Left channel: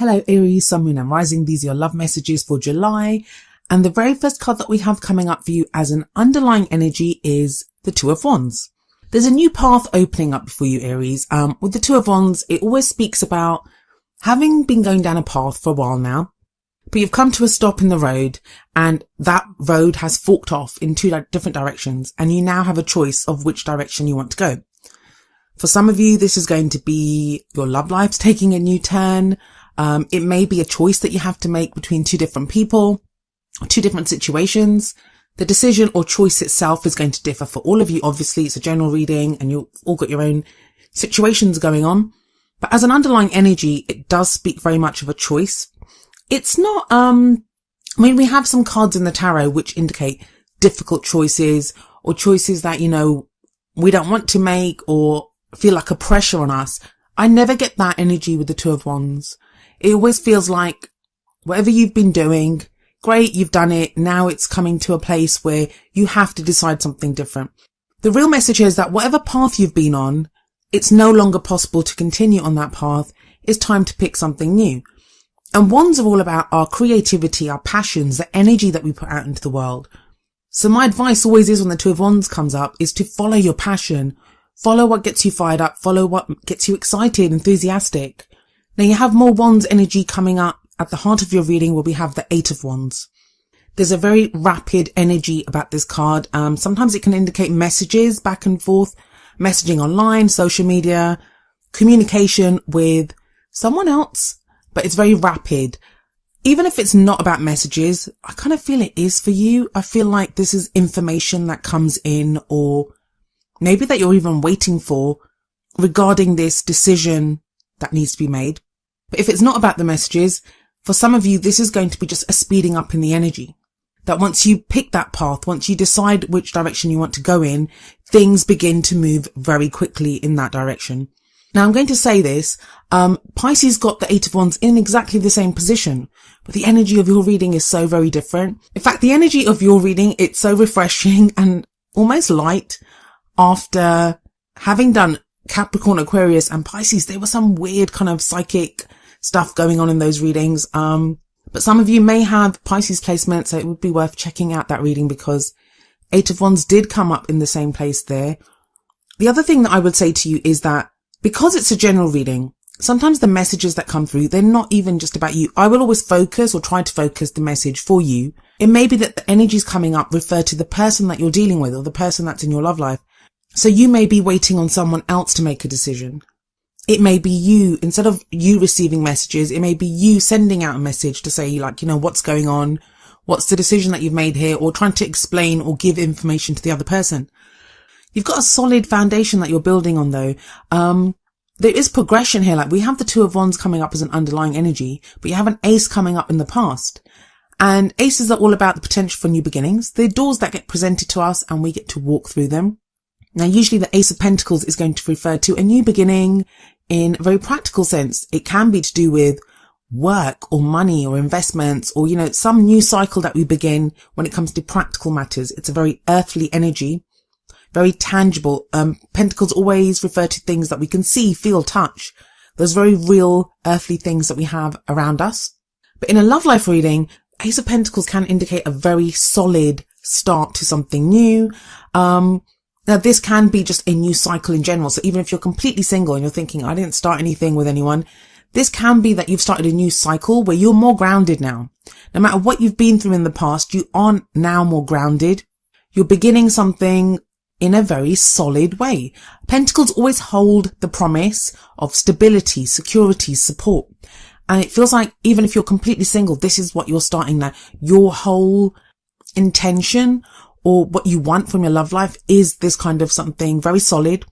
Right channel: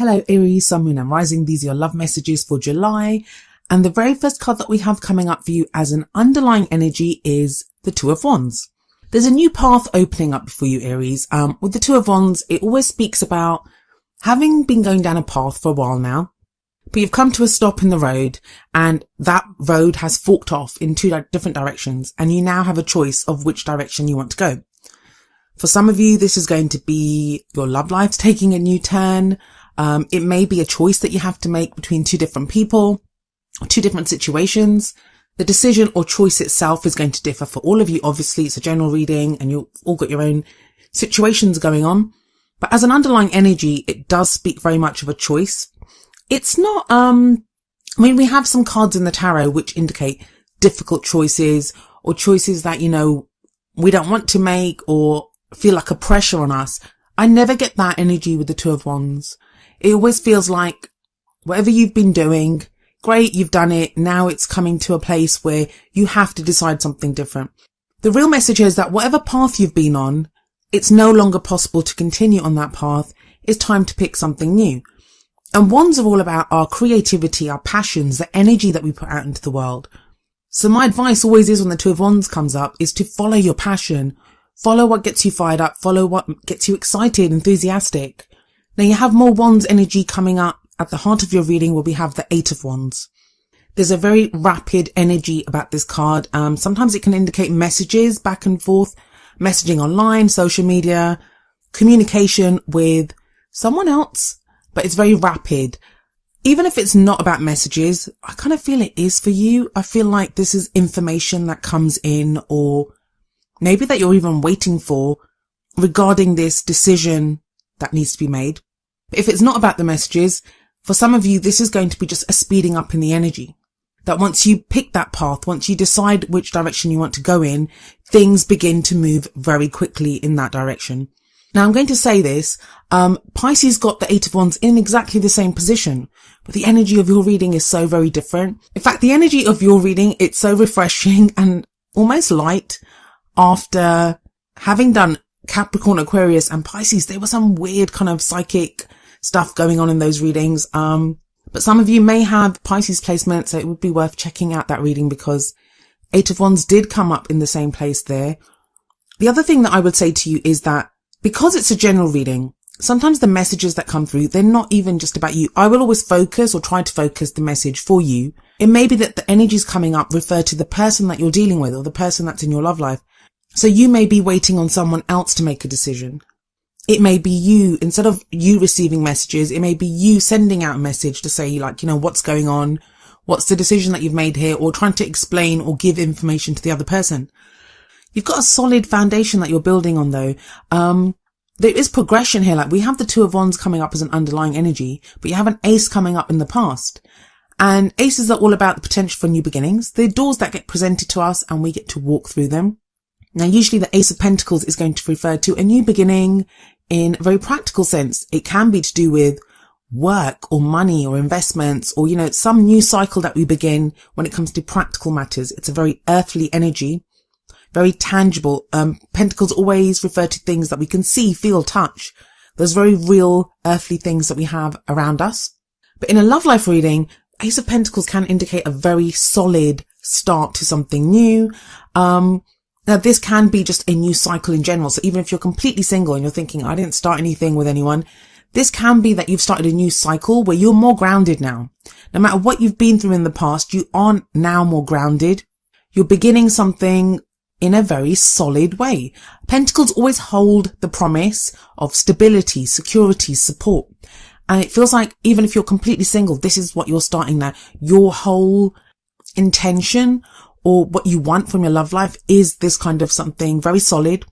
Hello Aries, Sun, Moon and Rising. These are your love messages for July. And the very first card that we have coming up for you as an underlying energy is the Two of Wands. There's a new path opening up for you, Aries. With the Two of Wands, it always speaks about having been going down a path for a while now, but you've come to a stop in the road and that road has forked off in two different directions and you now have a choice of which direction you want to go. For some of you, this is going to be your love life taking a new turn. It may be a choice that you have to make between two different people, two different situations. The decision or choice itself is going to differ for all of you. Obviously, it's a general reading and you've all got your own situations going on. But as an underlying energy, it does speak very much of a choice. It's not, we have some cards in the tarot which indicate difficult choices or choices that, we don't want to make or feel like a pressure on us. I never get that energy with the Two of Wands. It always feels like whatever you've been doing, great, you've done it. Now it's coming to a place where you have to decide something different. The real message is that whatever path you've been on, it's no longer possible to continue on that path. It's time to pick something new. And Wands are all about our creativity, our passions, the energy that we put out into the world. So my advice always is when the Two of Wands comes up is to follow your passion. Follow what gets you fired up. Follow what gets you excited, enthusiastic. Now you have more Wands energy coming up at the heart of your reading where we have the Eight of Wands. There's a very rapid energy about this card. Sometimes it can indicate messages back and forth, messaging online, social media, communication with someone else, but it's very rapid. Even if it's not about messages, I kind of feel it is for you. I feel like this is information that comes in or maybe that you're even waiting for regarding this decision that needs to be made. But if it's not about the messages, for some of you, this is going to be just a speeding up in the energy. That once you pick that path, once you decide which direction you want to go in, things begin to move very quickly in that direction. Now, I'm going to say this, Pisces got the Eight of Wands in exactly the same position, but the energy of your reading is so very different. In fact, the energy of your reading, it's so refreshing and almost light. After having done Capricorn, Aquarius and Pisces, there was some weird kind of psychic stuff going on in those readings. But some of you may have Pisces placement, so it would be worth checking out that reading because Eight of Wands did come up in the same place there. The other thing that I would say to you is that because it's a general reading, sometimes the messages that come through, they're not even just about you. I will always focus or try to focus the message for you. It may be that the energies coming up refer to the person that you're dealing with or the person that's in your love life. So you may be waiting on someone else to make a decision. It may be you, instead of you receiving messages, it may be you sending out a message to say what's going on? What's the decision that you've made here? Or trying to explain or give information to the other person. You've got a solid foundation that you're building on though. There is progression here. Like we have the Two of Wands coming up as an underlying energy, but you have an Ace coming up in the past. And aces are all about the potential for new beginnings. They're doors that get presented to us and we get to walk through them. Now, usually the Ace of Pentacles is going to refer to a new beginning in a very practical sense. It can be to do with work or money or investments or, some new cycle that we begin when it comes to practical matters. It's a very earthly energy, very tangible. Pentacles always refer to things that we can see, feel, touch. Those very real earthly things that we have around us. But in a love life reading, Ace of Pentacles can indicate a very solid start to something new. Now, this can be just a new cycle in general. So even if you're completely single and you're thinking, I didn't start anything with anyone, this can be that you've started a new cycle where you're more grounded now. No matter what you've been through in the past, you are now more grounded. You're beginning something in a very solid way. Pentacles always hold the promise of stability, security, support. And it feels like even if you're completely single, this is what you're starting now. Your whole intention or what you want from your love life is this kind of something very solid.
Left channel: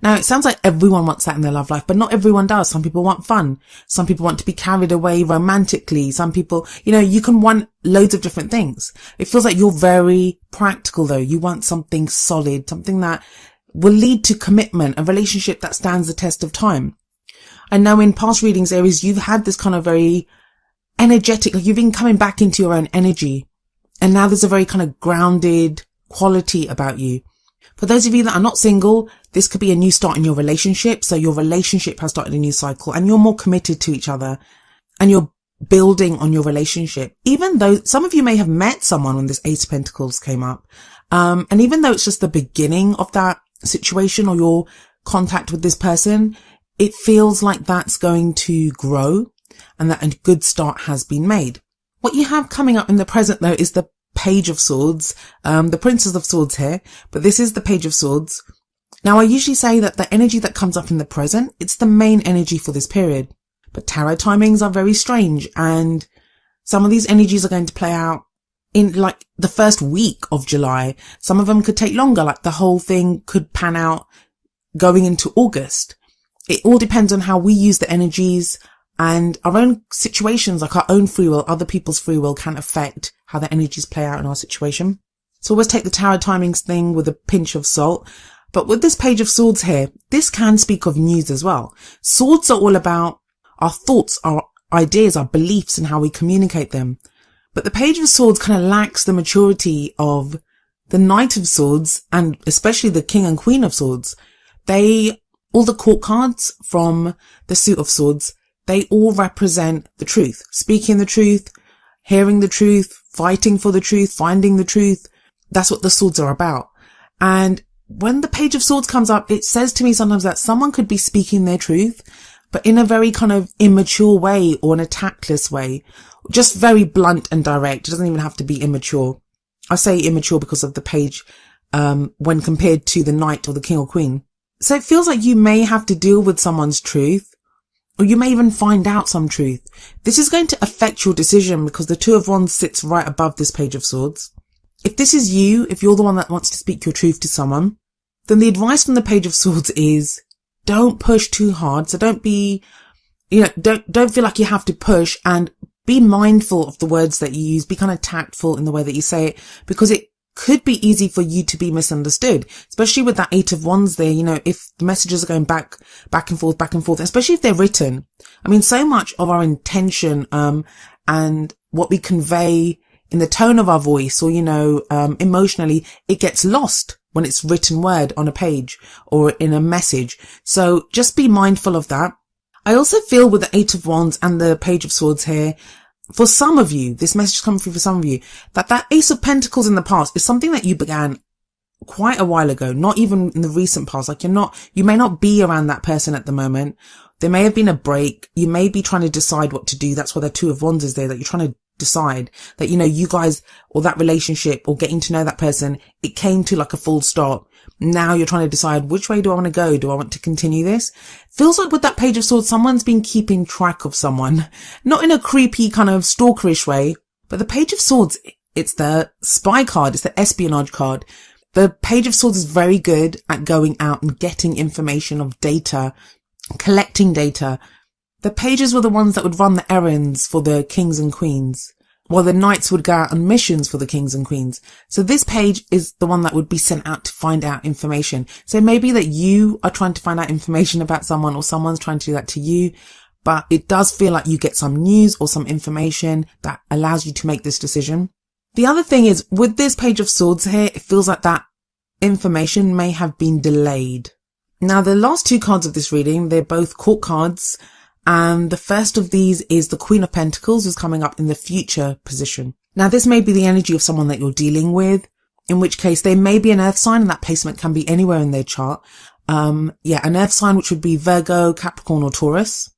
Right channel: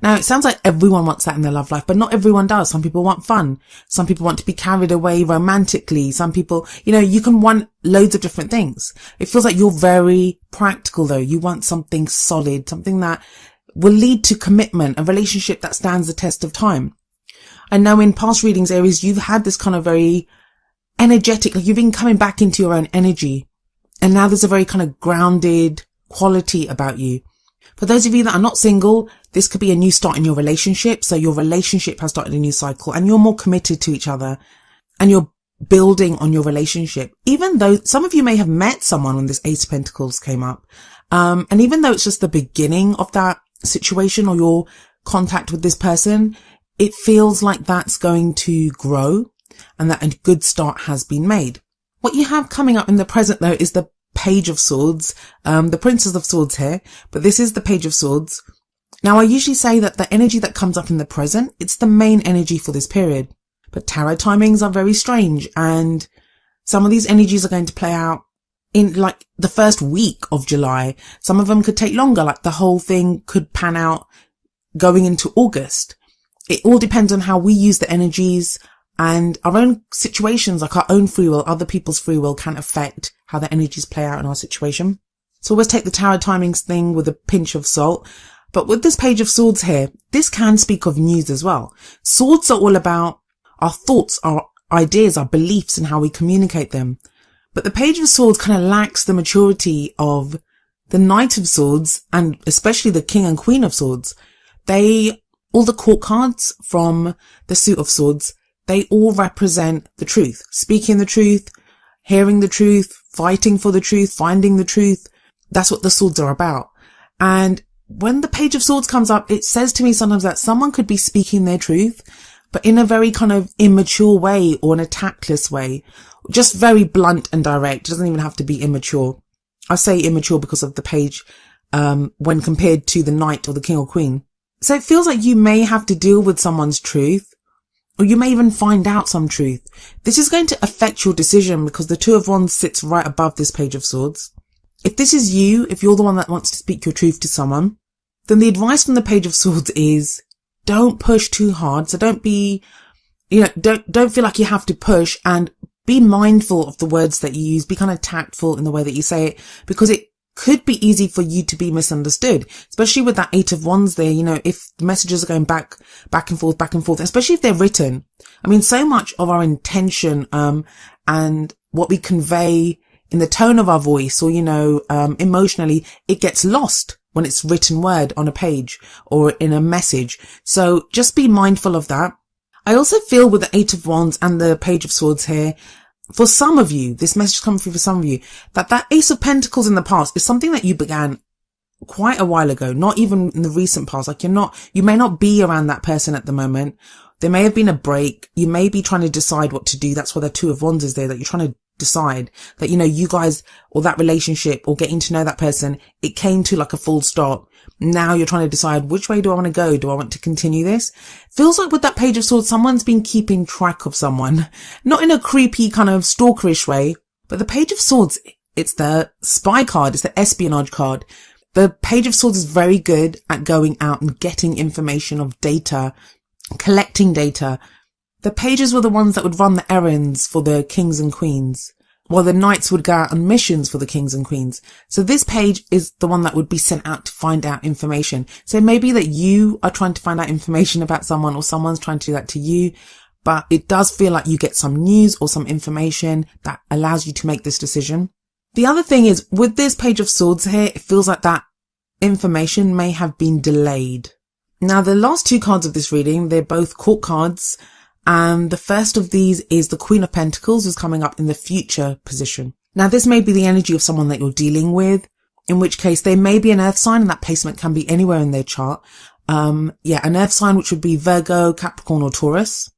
Now, it sounds like everyone wants that in their love life, but not everyone does. Some people want fun. Some people want to be carried away romantically. Some people, you can want loads of different things. It feels like you're very practical though. You want something solid, something that will lead to commitment, a relationship that stands the test of time. I know in past readings, Aries, you've had this kind of very energetic, like you've been coming back into your own energy. And now there's a very kind of grounded quality about you. For those of you that are not single, this could be a new start in your relationship. So your relationship has started a new cycle and you're more committed to each other. and you're building on your relationship. Even though some of you may have met someone when this Ace of Pentacles came up, and even though it's just the beginning of that situation or your contact with this person, it feels like that's going to grow and that a good start has been made. What you have coming up in the present though is the Page of Swords, the Princess of Swords here, but this is the Page of Swords. Now, I usually say that the energy that comes up in the present, it's the main energy for this period. But tarot timings are very strange, and some of these energies are going to play out in like the first week of July. Some of them could take longer, like the whole thing could pan out going into August. It all depends on how we use the energies, and our own situations, like our own free will, other people's free will, can affect how the energies play out in our situation. So always take the tarot timings thing with a pinch of salt. But with this Page of Swords here, this can speak of news as well. Swords are all about our thoughts, our ideas, our beliefs, and how we communicate them. But the Page of Swords kind of lacks the maturity of the Knight of Swords, and especially the King and Queen of Swords. All the court cards from the Suit of Swords, they all represent the truth. Speaking the truth, hearing the truth, fighting for the truth, finding the truth. That's what the swords are about. And when the Page of Swords comes up, it says to me sometimes that someone could be speaking their truth, but in a very kind of immature way or in a tactless way. Just very blunt and direct. It doesn't even have to be immature. I say immature because of the page, when compared to the Knight or the King or Queen. So it feels like you may have to deal with someone's truth, or you may even find out some truth. This is going to affect your decision because the Two of Wands sits right above this Page of Swords. If this is you, if you're the one that wants to speak your truth to someone, then the advice from the Page of Swords is don't push too hard. So don't be, don't feel like you have to push, and be mindful of the words that you use. Be kind of tactful in the way that you say it, because it could be easy for you to be misunderstood, especially with that Eight of Wands there. If the messages are going back and forth, especially if they're written. I mean, so much of our intention, and what we convey in the tone of our voice or, emotionally, it gets lost when it's written word on a page or in a message. So just be mindful of that. I also feel with the Eight of Wands and the Page of Swords here, for some of you, this message is coming through for some of you, that Ace of Pentacles in the past is something that you began quite a while ago, not even in the recent past. Like you may not be around that person at the moment. There may have been a break. You may be trying to decide what to do. That's why the Two of Wands is there, that you're trying to decide that, you guys, or that relationship, or getting to know that person, it came to like a full stop. Now you're trying to decide, which way do I want to go? Do I want to continue this? Feels like with that Page of Swords, someone's been keeping track of someone, not in a creepy kind of stalkerish way, but the Page of Swords, it's the spy card. It's the espionage card. The Page of Swords is very good at going out and getting information of data, collecting data. The pages were the ones that would run the errands for the kings and queens, while the knights would go out on missions for the kings and queens. So this page is the one that would be sent out to find out information. So maybe that you are trying to find out information about someone, or someone's trying to do that to you, but it does feel like you get some news or some information that allows you to make this decision. The other thing is, with this Page of Swords here, it feels like that information may have been delayed. Now, the last two cards of this reading, they're both court cards. And the first of these is the Queen of Pentacles, is coming up in the future position. Now, this may be the energy of someone that you're dealing with, in which case they may be an earth sign, and that placement can be anywhere in their chart. An earth sign, which would be Virgo, Capricorn, or Taurus.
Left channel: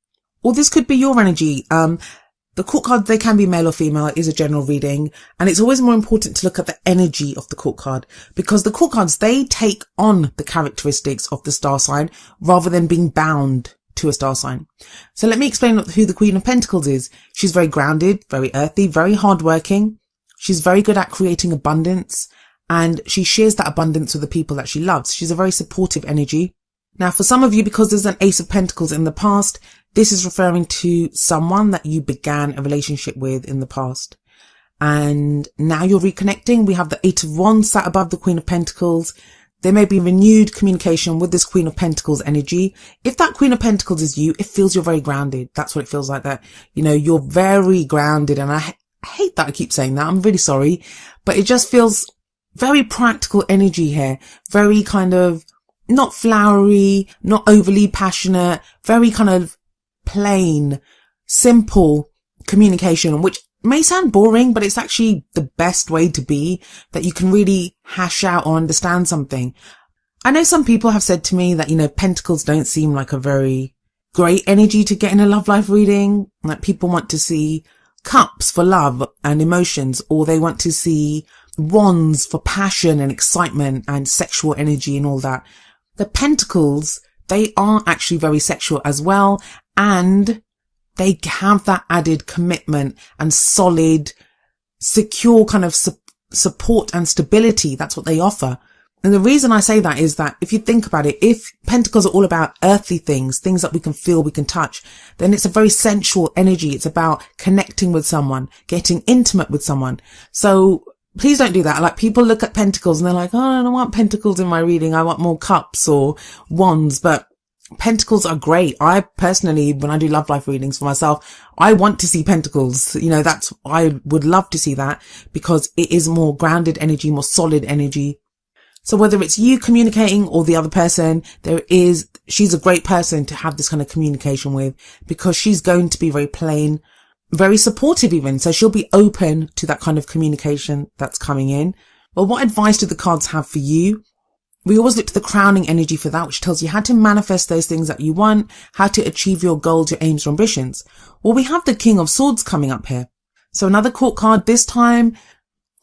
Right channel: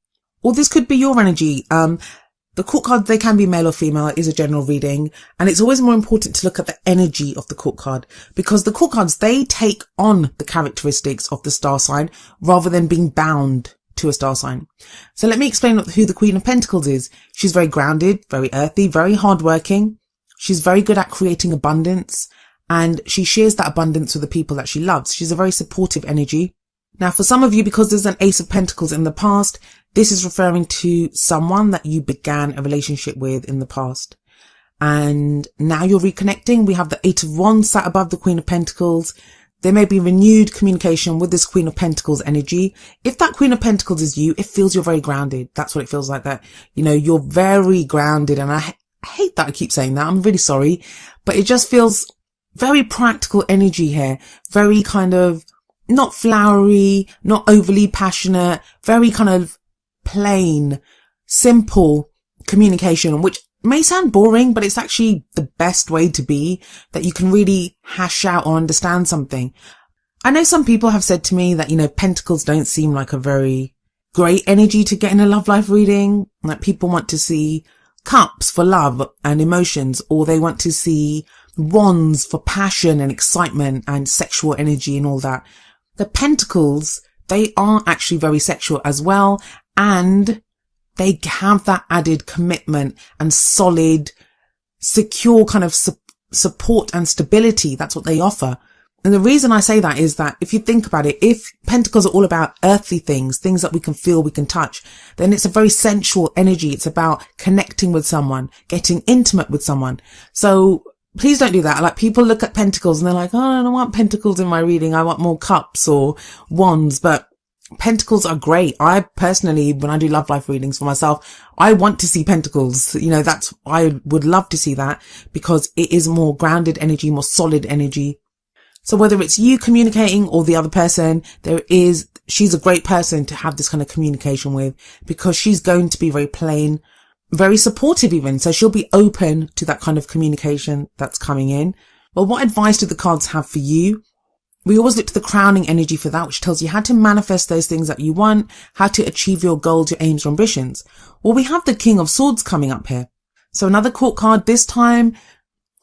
Or this could be your energy. The court cards, they can be male or female. It is a general reading. And it's always more important to look at the energy of the court card, because the court cards, they take on the characteristics of the star sign rather than being bound to a star sign. So let me explain who the Queen of Pentacles is. She's very grounded, very earthy, very hardworking. She's very good at creating abundance, and she shares that abundance with the people that she loves. She's a very supportive energy. Now, for some of you, because there's an Ace of Pentacles in the past, this is referring to someone that you began a relationship with in the past. And now you're reconnecting. We have the Eight of Wands sat above the Queen of Pentacles. There may be renewed communication with this Queen of Pentacles energy. If that Queen of Pentacles is you, it feels you're very grounded. That's what it feels like, that, you're very grounded. And I hate that I keep saying that. I'm really sorry. But it just feels very practical energy here. Very kind of not flowery, not overly passionate, very kind of plain, simple, communication, which may sound boring, but it's actually the best way to be, that you can really hash out or understand something. I know some people have said to me that, pentacles don't seem like a very great energy to get in a love life reading. Like, people want to see cups for love and emotions, or they want to see wands for passion and excitement and sexual energy and all that. The pentacles, they are actually very sexual as well, and they have that added commitment and solid, secure kind of support and stability. That's what they offer. And the reason I say that is that if you think about it, if pentacles are all about earthly things that we can feel, we can touch, then it's a very sensual energy. It's about connecting with someone, getting intimate with someone. So please don't do that. Like, people look at pentacles and they're like, oh, I don't want pentacles in my reading. I want more cups or wands. But pentacles are great. I personally, when I do love life readings for myself, I want to see pentacles. I would love to see that, because it is more grounded energy, more solid energy. So whether it's you communicating or the other person, she's a great person to have this kind of communication with, because she's going to be very plain, very supportive even. So she'll be open to that kind of communication that's coming in. But what advice do the cards have for you? We always look to the crowning energy for that, which tells you how to manifest those things that you want, how to achieve your goals, your aims, your ambitions. Well, we have the King of Swords coming up here. So another court card, this time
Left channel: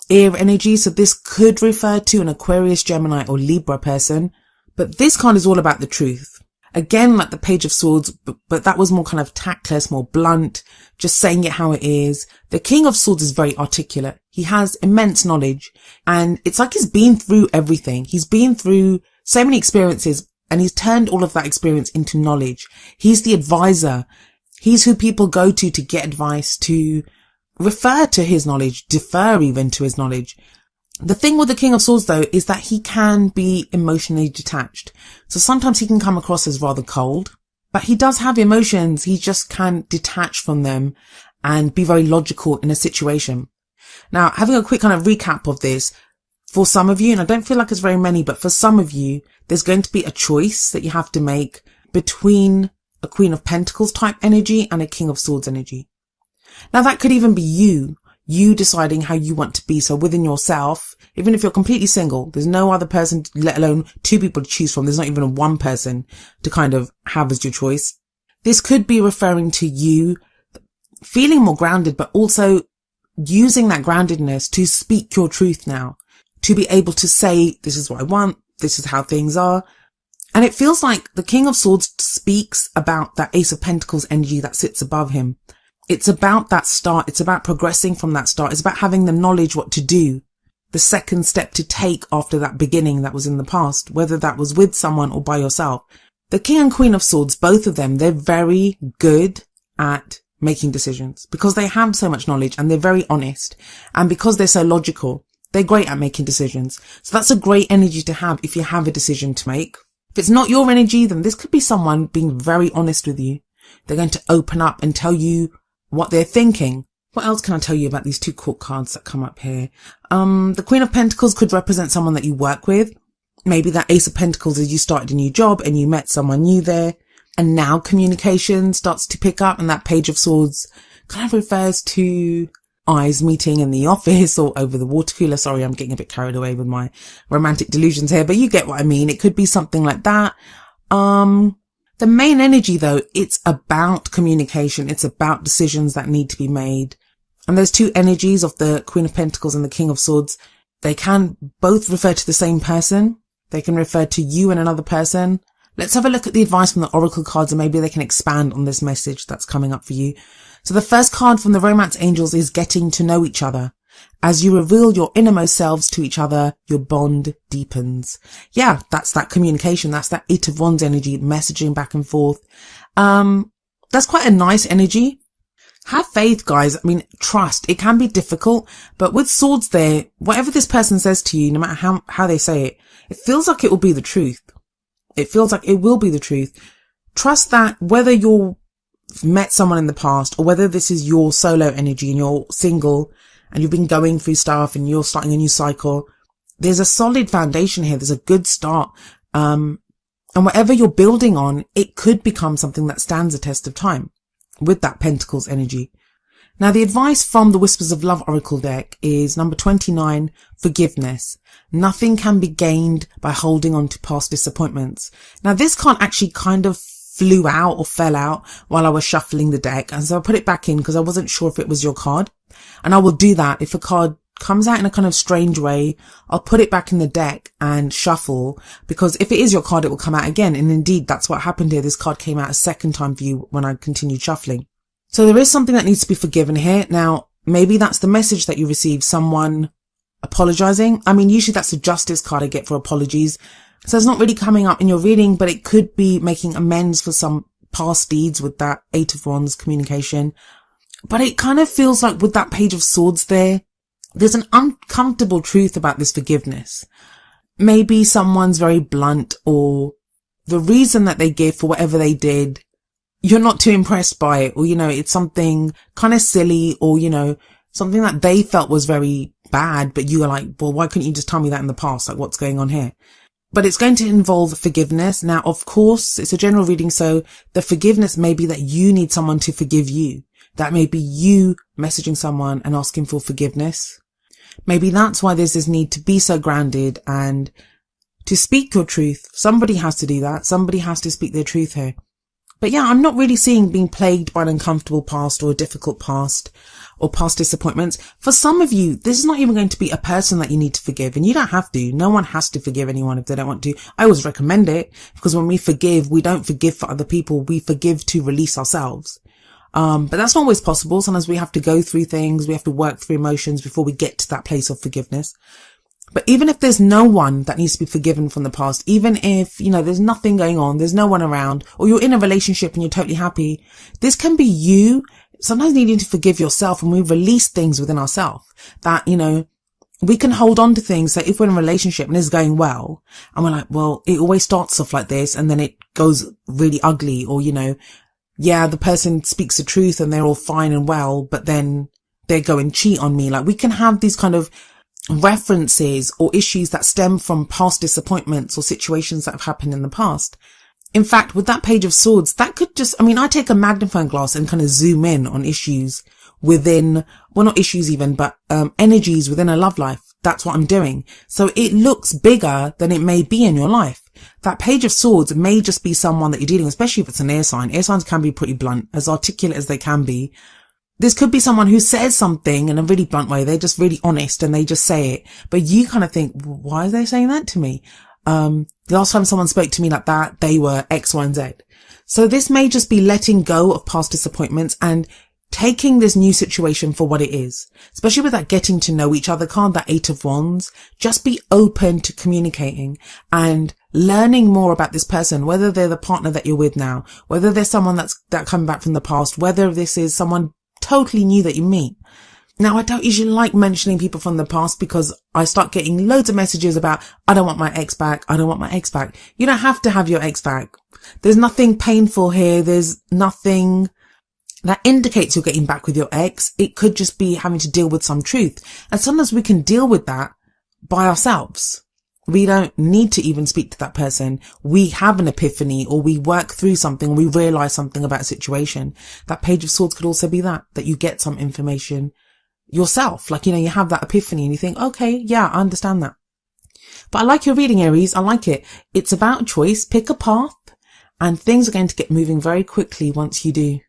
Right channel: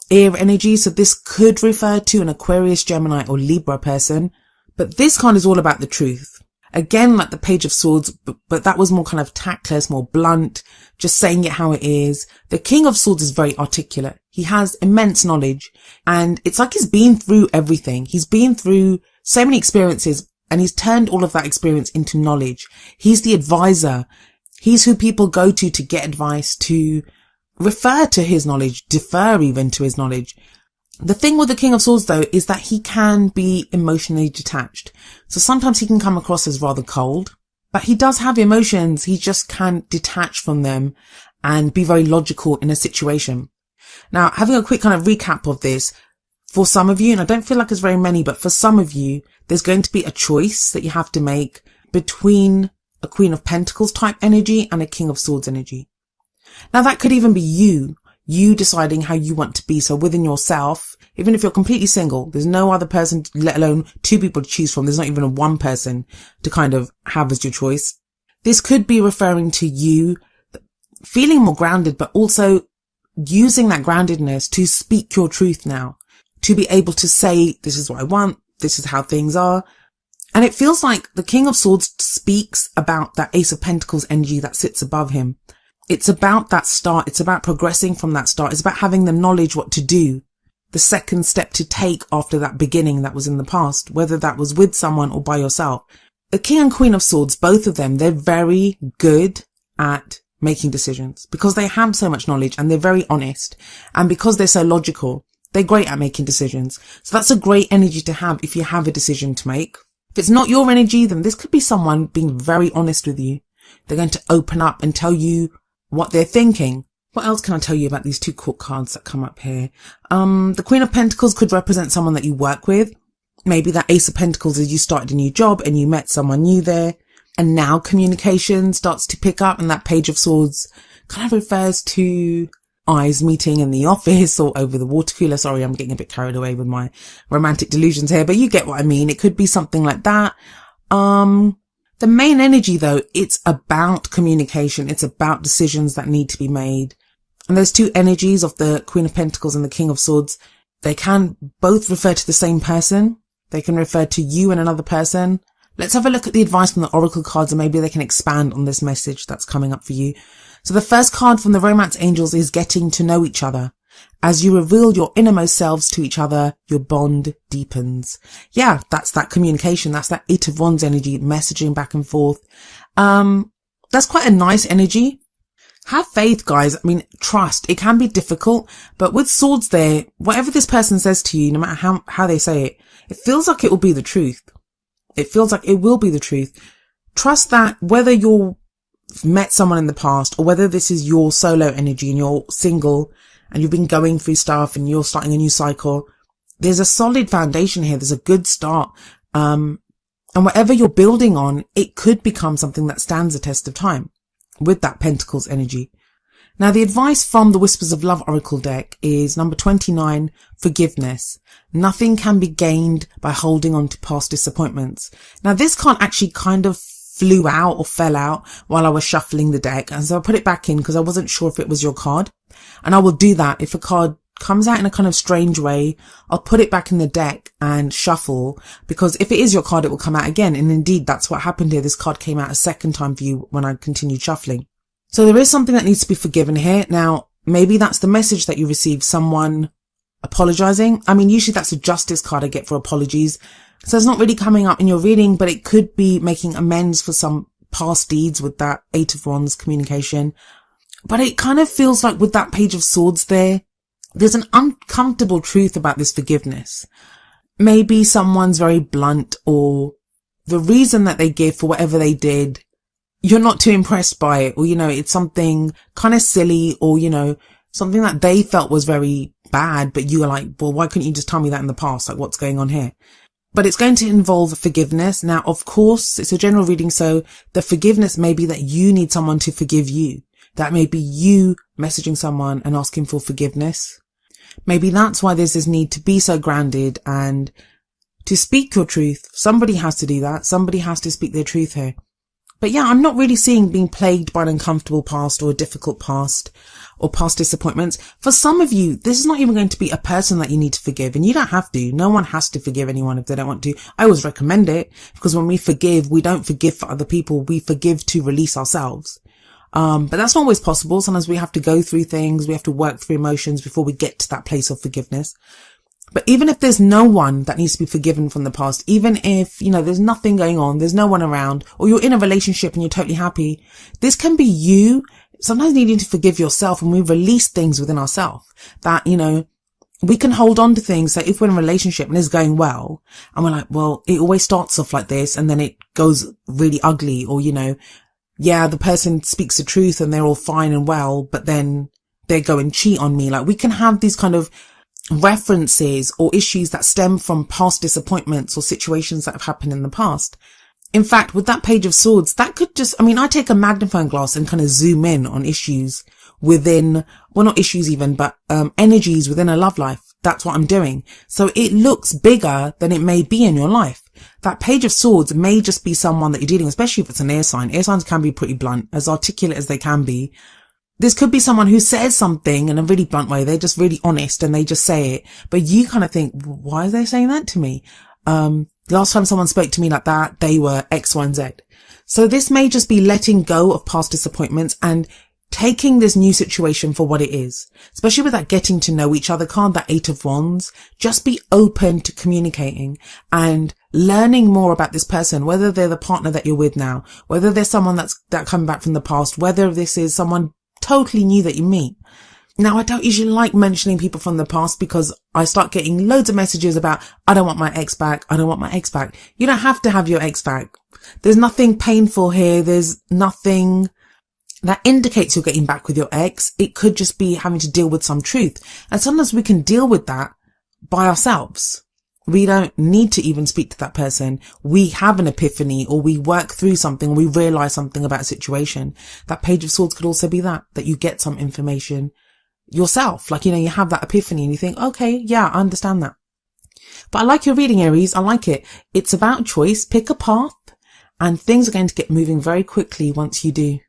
air energy. So this could refer to an Aquarius, Gemini or Libra person. But this card is all about the truth. Again, like the Page of Swords, but that was more kind of tactless, more blunt, just saying it how it is. The King of Swords is very articulate. He has immense knowledge, and it's like he's been through everything. He's been through so many experiences, and he's turned all of that experience into knowledge. He's the advisor. He's who people go to get advice, to refer to his knowledge, defer even to his knowledge. The thing with the King of Swords, though, is that he can be emotionally detached. So sometimes he can come across as rather cold, but he does have emotions. He just can't detach from them and be very logical in a situation. Now, having a quick kind of recap of this, for some of you, and I don't feel like it's very many, but for some of you, there's going to be a choice that you have to make between a Queen of Pentacles type energy and a King of Swords energy. Now, that could even be you deciding how you want to be. So within yourself, even if you're completely single, there's no other person, let alone two people to choose from. There's not even one person to kind of have as your choice. This could be referring to you feeling more grounded, but also using that groundedness to speak your truth now, to be able to say, this is what I want, this is how things are. And it feels like the King of Swords speaks about that Ace of Pentacles energy that sits above him. It's about that start. It's about progressing from that start. It's about having the knowledge what to do, the second step to take after that beginning that was in the past, whether that was with someone or by yourself. The King and Queen of Swords, both of them, they're very good at making decisions because they have so much knowledge and they're very honest. And because they're so logical, they're great at making decisions. So that's a great energy to have if you have a decision to make. If it's not your energy, then this could be someone being very honest with you. They're going to open up and tell you what they're thinking. What else can I tell you about these two court cards that come up here? The Queen of Pentacles could represent someone that you work with. Maybe that Ace of Pentacles is you started a new job and you met someone new there. And now communication starts to pick up, and that Page of Swords kind of refers to eyes meeting in the office or over the water cooler. Sorry, I'm getting a bit carried away with my romantic delusions here, but you get what I mean. It could be something like that. The main energy, though, it's about communication. It's about decisions that need to be made. And those two energies of the Queen of Pentacles and the King of Swords, they can both refer to the same person. They can refer to you and another person. Let's have a look at the advice from the Oracle cards, and maybe they can expand on this message that's coming up for you. So the first card from the Romance Angels is getting to know each other. As you reveal your innermost selves to each other, your bond deepens. Yeah, that's that communication. That's that Eight of Wands energy, messaging back and forth. That's quite a nice energy. Have faith, guys. I mean, trust. It can be difficult, but with swords there, whatever this person says to you, no matter how they say it, it feels like it will be the truth. It feels like it will be the truth. Trust that whether you've met someone in the past or whether this is your solo energy and you're single and you've been going through stuff and you're starting a new cycle, there's a solid foundation here. There's a good start. And whatever you're building on, it could become something that stands the test of time with that Pentacles energy. Now, the advice from the Whispers of Love Oracle deck is number 29, forgiveness. Nothing can be gained by holding on to past disappointments. Now, this card actually kind of flew out or fell out while I was shuffling the deck. And so I put it back in because I wasn't sure if it was your card. And I will do that. If a card comes out in a kind of strange way, I'll put it back in the deck and shuffle, because if it is your card, it will come out again. And indeed, that's what happened here. This card came out a second time for you when I continued shuffling. So there is something that needs to be forgiven here. Now, maybe that's the message that you received, someone apologizing. I mean, usually that's a justice card I get for apologies. So it's not really coming up in your reading, but it could be making amends for some past deeds with that 8 of Wands communication. But it kind of feels like with that Page of Swords there's an uncomfortable truth about this forgiveness. Maybe someone's very blunt, or the reason that they give for whatever they did, you're not too impressed by it, or, it's something kind of silly, or, something that they felt was very bad, but you were like, well, why couldn't you just tell me that in the past? Like, what's going on here? But it's going to involve forgiveness. Now, of course, it's a general reading, so the forgiveness may be that you need someone to forgive you. That may be you messaging someone and asking for forgiveness. Maybe that's why there's this need to be so grounded and to speak your truth. Somebody has to do that. Somebody has to speak their truth here. But yeah, I'm not really seeing being plagued by an uncomfortable past or a difficult past or past disappointments. For some of you, this is not even going to be a person that you need to forgive, and you don't have to. No one has to forgive anyone if they don't want to. I always recommend it, because when we forgive, we don't forgive for other people. We forgive to release ourselves. But that's not always possible. Sometimes we have to go through things. We have to work through emotions before we get to that place of forgiveness. But even if there's no one that needs to be forgiven from the past, even if, there's nothing going on, there's no one around, or you're in a relationship and you're totally happy, this can be you sometimes needing to forgive yourself, and we release things within ourselves that, we can hold on to things that if we're in a relationship and it's going well, and we're like, well, it always starts off like this and then it goes really ugly, or, yeah, the person speaks the truth and they're all fine and well, but then they go and cheat on me. Like, we can have these kind of references or issues that stem from past disappointments or situations that have happened in the past. In fact, with that Page of Swords, that could just, I take a magnifying glass and kind of zoom in on issues within, well, not issues even, but energies within a love life. That's what I'm doing. So it looks bigger than it may be in your life. That Page of Swords may just be someone that you're dealing with, especially if it's an air sign. Air signs can be pretty blunt, as articulate as they can be. This could be someone who says something in a really blunt way. They're just really honest and they just say it. But you kind of think, why are they saying that to me? The last time someone spoke to me like that, they were X, Y, and Z. So this may just be letting go of past disappointments and taking this new situation for what it is. Especially with that getting to know each other card, that 8 of Wands. Just be open to communicating and learning more about this person, whether they're the partner that you're with now, whether there's someone that's coming back from the past, whether this is someone totally new that you meet. Now, I don't usually like mentioning people from the past because I start getting loads of messages about, I don't want my ex back. I don't want my ex back. You don't have to have your ex back. There's nothing painful here. There's nothing that indicates you're getting back with your ex. It could just be having to deal with some truth. And sometimes we can deal with that by ourselves. We don't need to even speak to that person. We have an epiphany, or we work through something. We realize something about a situation. That Page of Swords could also be that you get some information yourself. Like, you have that epiphany and you think, okay, yeah, I understand that. But I like your reading, Aries. I like it. It's about choice. Pick a path and things are going to get moving very quickly once you do.